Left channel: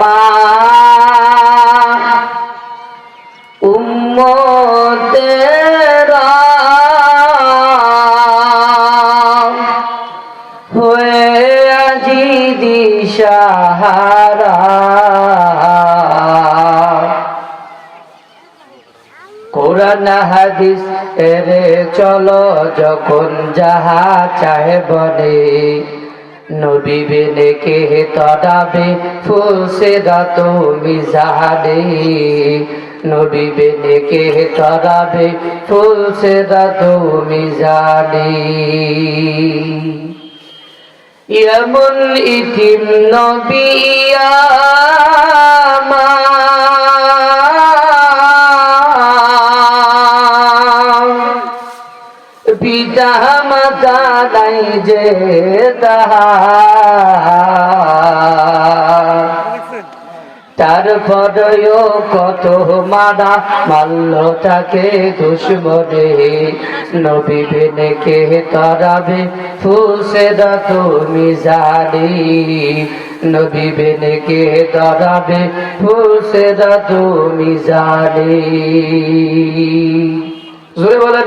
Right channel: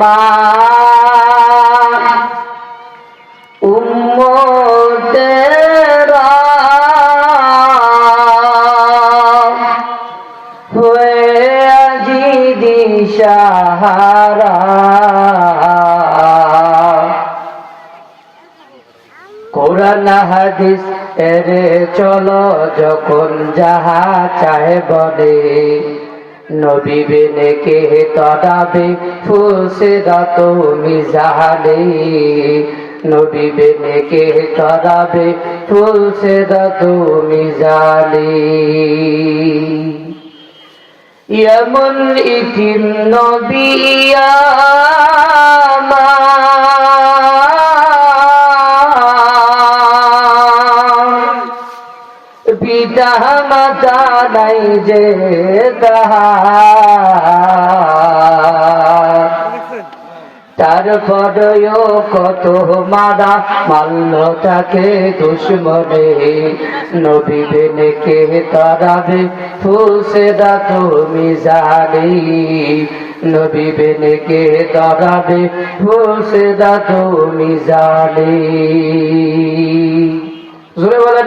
আমার উম্মতেরা হয়ে আজি দিশাহারা কোরআন হাদিস এরে চলো যখন যাহা চাহে বলে নবী বেনে কে তদাবে ফুলসেরা তুমি জাহানে নবী বেনে কে তদাবে ফুলসেরা তুমি জানে এমন ইতিম নবী পিতা মাতা নাই যে তারপরেও কত মারা মারল তাকে দুশ্মনে নবী বেনে কে তরাবে ফুলসেরা তুমি জানি নবী বেনে কে তরাবে ফুলসেরা তুমি জানি জোরে বলেন।